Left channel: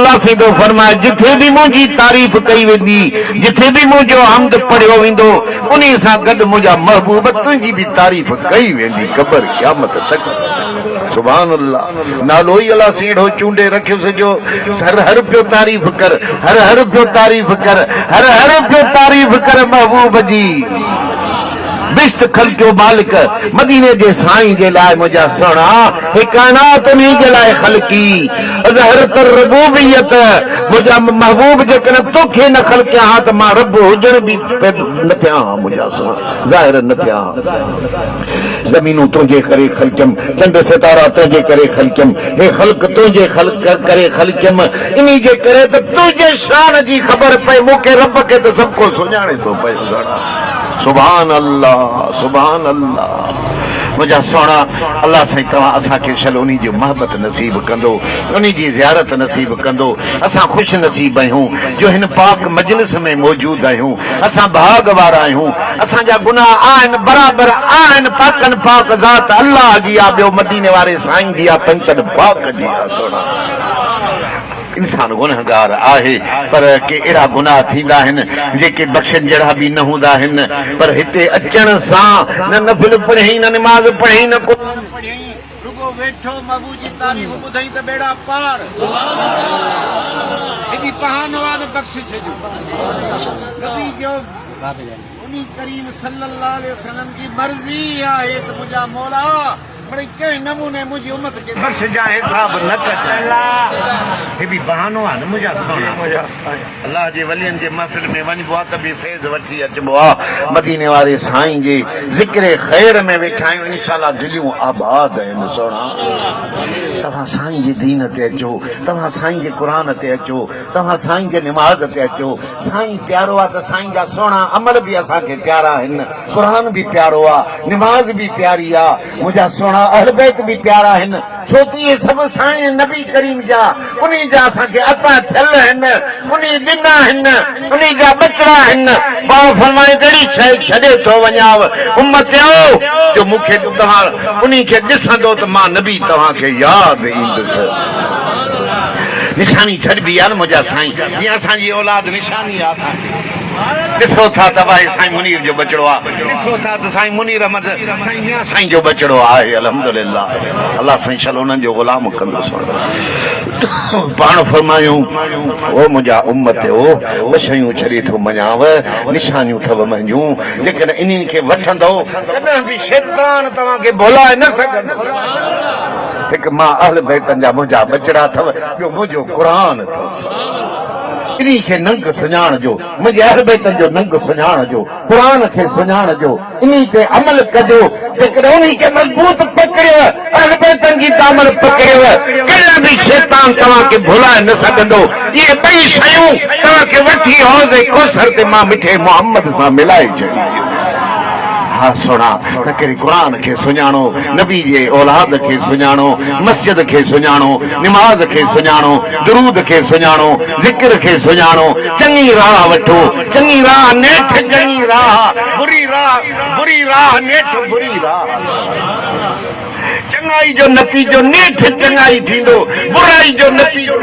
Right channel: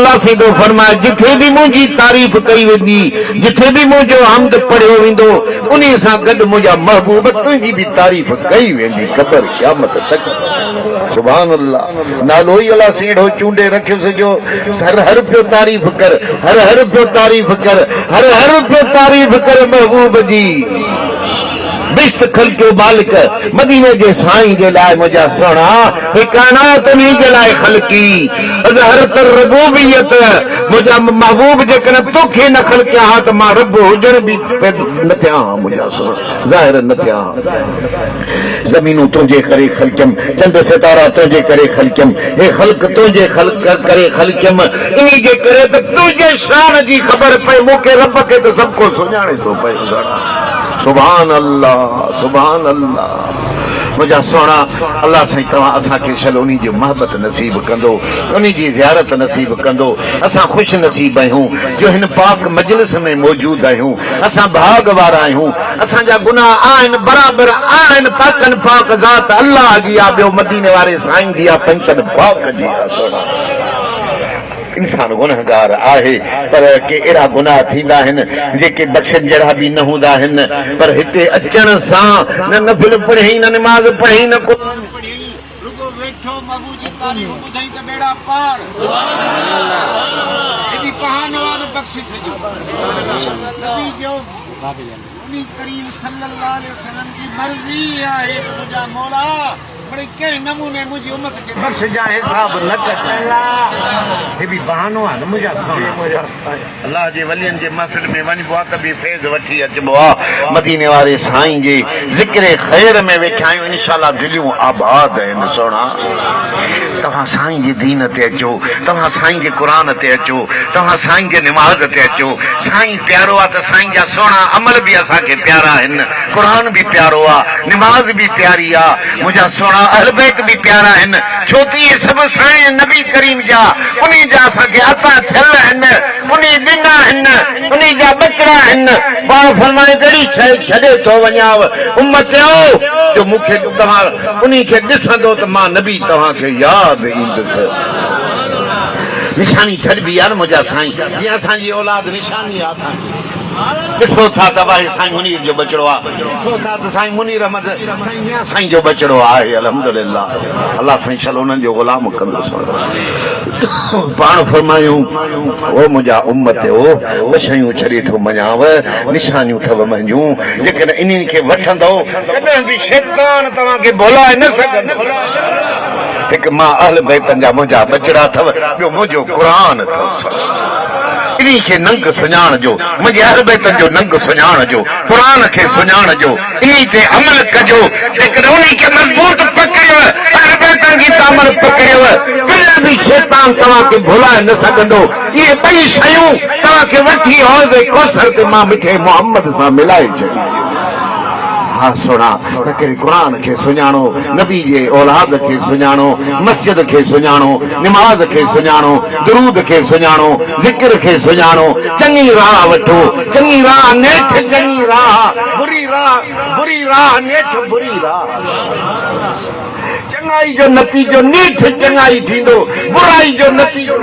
अल्लाह से तो फरमाए जिथे भी मुझी तारीफ कई वेंदी जिथे भी मुझो हमद पढ़ियो वेंदो उन्हीं सां गॾु मुंहिंजा महबूब तुंहिंजी भी तारीफ कई वेंदी क़बर क़यामत तक। सुभान अल्लाह नालो ही अल्लाह सीढ़ो चूंडे रखियो सजो हर पियो तारीफ कर हर पियो तारीफ कर हर पियो तारीफ कर महबूब जी बिश्त खल क्यों मालिक मदीने जे साईं जे लाइ मुंहिंजा सोना हे कायनात उन्हीं जे लाइ खलकी अज़हर तर रबूबियत मुंहिंजा महबूब जेकॾहिं तोखे न खलकिया हा त मां रब हुजण बि न थिया हा मुंहिंजा सोना ज़ाहिर न थिया हा। ज़मीनूं तुंहिंजे करे खलकियमि चंड सितारा तुंहिंजे करे खलकियमि हे ख़ल्क़ तुंहिंजे करे खलकियमि इन्ही जे करे त तुंहिंजे शान जी ख़बर पए मूंखे रब खे त सभु को सुञाणे थो पए। सुभान अल्लाह सुभान अल्लाह मुझा सोना अल्लाह साईं तव्हां असांखे शल उन्हीं जो मोहब्बत नसीब कंदो उन्हीं जी ज़ियारत नसीब कंदो। असां ख़ुशि नसीब आहियूं जो हिन पाक मजलिस में मौजूद आहियूं। असां भाग वारा आहियूं। असांजा गुनाह आहिनि बराबरि आहिनि पाकनि पाक ज़ात अल्लाह जी आहे ॿियो मदीने वारे साईं जी आहे पंचनि पाक जी आहे। सोना इंसान गुनहगार आहे पर के अहिड़ा गुनाह थींदा आहिनि जेके बख़्शण जहिड़ा बि न हूंदा आहिनि पर हिते अचण सां न नफ़िल पढ़ी न निमाज़ पढ़ी न क़ुरान पढ़ी रुगो वेठो महबूब जी तारीफ़ ॿुधई त बेड़ा पार एॾी बहानो आहे न बख़्शिश जो नबी जो उन्हीं करीम सल्लल्लाहु अलैहि वसल्लम जी मर्ज़ी आहे त मुंहिंजा मौला बड़े कंहिं नमूने मुंहिंजी उम्मत खे बख़्श जा हिसाब न कजांइ। हे बि बहानो आहे न मुंहिंजा सोना अल्लाह जे वलियनि जे महफ़िल में वञिबो आहे त बि फैज़ वठी अचिबो आहे। मदीने वारे साईं जे ज़िक्र ख़ैर में वेठा आहियूं इंशाअल्लाह दिलियूं आबाद आहिनि। सोना तव्हां साईं जे दीन ते अचो तव्हां साईं जे क़ुरान ते अचो तव्हां साईं जे निमाज़ ते अचो। साईं प्यारो आहे त साईं जा सोना अमल बि असांखे प्यारा आहिनि क़ुरान बि प्यारो आहे निमाज़ बि प्यारी आहे मुंहिंजा सोना अहल बैत भी प्यारा आहिनि छो त इहे सभु साईं नबी करीम जा उन्हीं जा असांखे अता थियल आहिनि उन्हीं ॾिना आहिनि उन्हीं जा ॿचिड़ा आहिनि। पाण फरमाए कहिड़ी शइ छॾे थो वञाव उम्मत जो मूंखे तव्हां उन्हीं खे ॾिसंदो त मां नबी तव्हांखे यादि ईंदुसि। निशानी छॾबी आहे न मुंहिंजा साईं जीअं असांजी औलाद निशानी आहे असांजी। ॾिसो था त भाई साईं मुनीर जो बचड़ो आहे ॾिसो था त साईं मुनीर अहमद साईं साईं जो बचड़ो आहे अल्हम्दुलिल्लाह अल्लाह साईं शल उन्हनि जो ग़ुलाम कंदुसि। पाण फरमायूं ओ मुंहिंजा उम्मत ॿ शयूं छॾे थो मञाव निशानियूं अथव मुंहिंजूं जेकॾहिं इन्हनि खे वठंदो कॾहिं बि शैतान तव्हांखे भुलाए न सघंदो। हिकु मां अहल बैतनि जा मुंहिंजा बचड़ा अथव ॿियो मुंहिंजो क़ुरान अथव। इन्हीं खे नंग सुञाण जो मुंहिंजे अहल बैतनि जो नंग सुञाण जो क़ुरान खे सुञाण जो इन्हीं ते अमल कजो। जेकॾहिं उन्हीं खे मज़बूत पकड़ियव अहल बैतनि जी अमल पकड़ियव कॾहिं बि शैतान तव्हांखे भुलाए न सघंदो। इहे ॿई शयूं तव्हांखे वठी हौज़े कौसर ते मां मिठे मोहम्मद सां मिलाए छॾी। हा सोना त कहिड़ी क़ुरान खे सुञाणो नबी जे औलाद खे सुञाणो मस्जिद खे सुञाणो निमाज़ खे सुञाणो दुरूद खे सुञाणो ज़िक्र खे सुञाणो चङी राह वठो चङी राह नेठ चङी राह बुरी राह नेठ बुरी राह। चङाई जो नतीजो नेठ चङाई थींदो बुराई जो नतीजो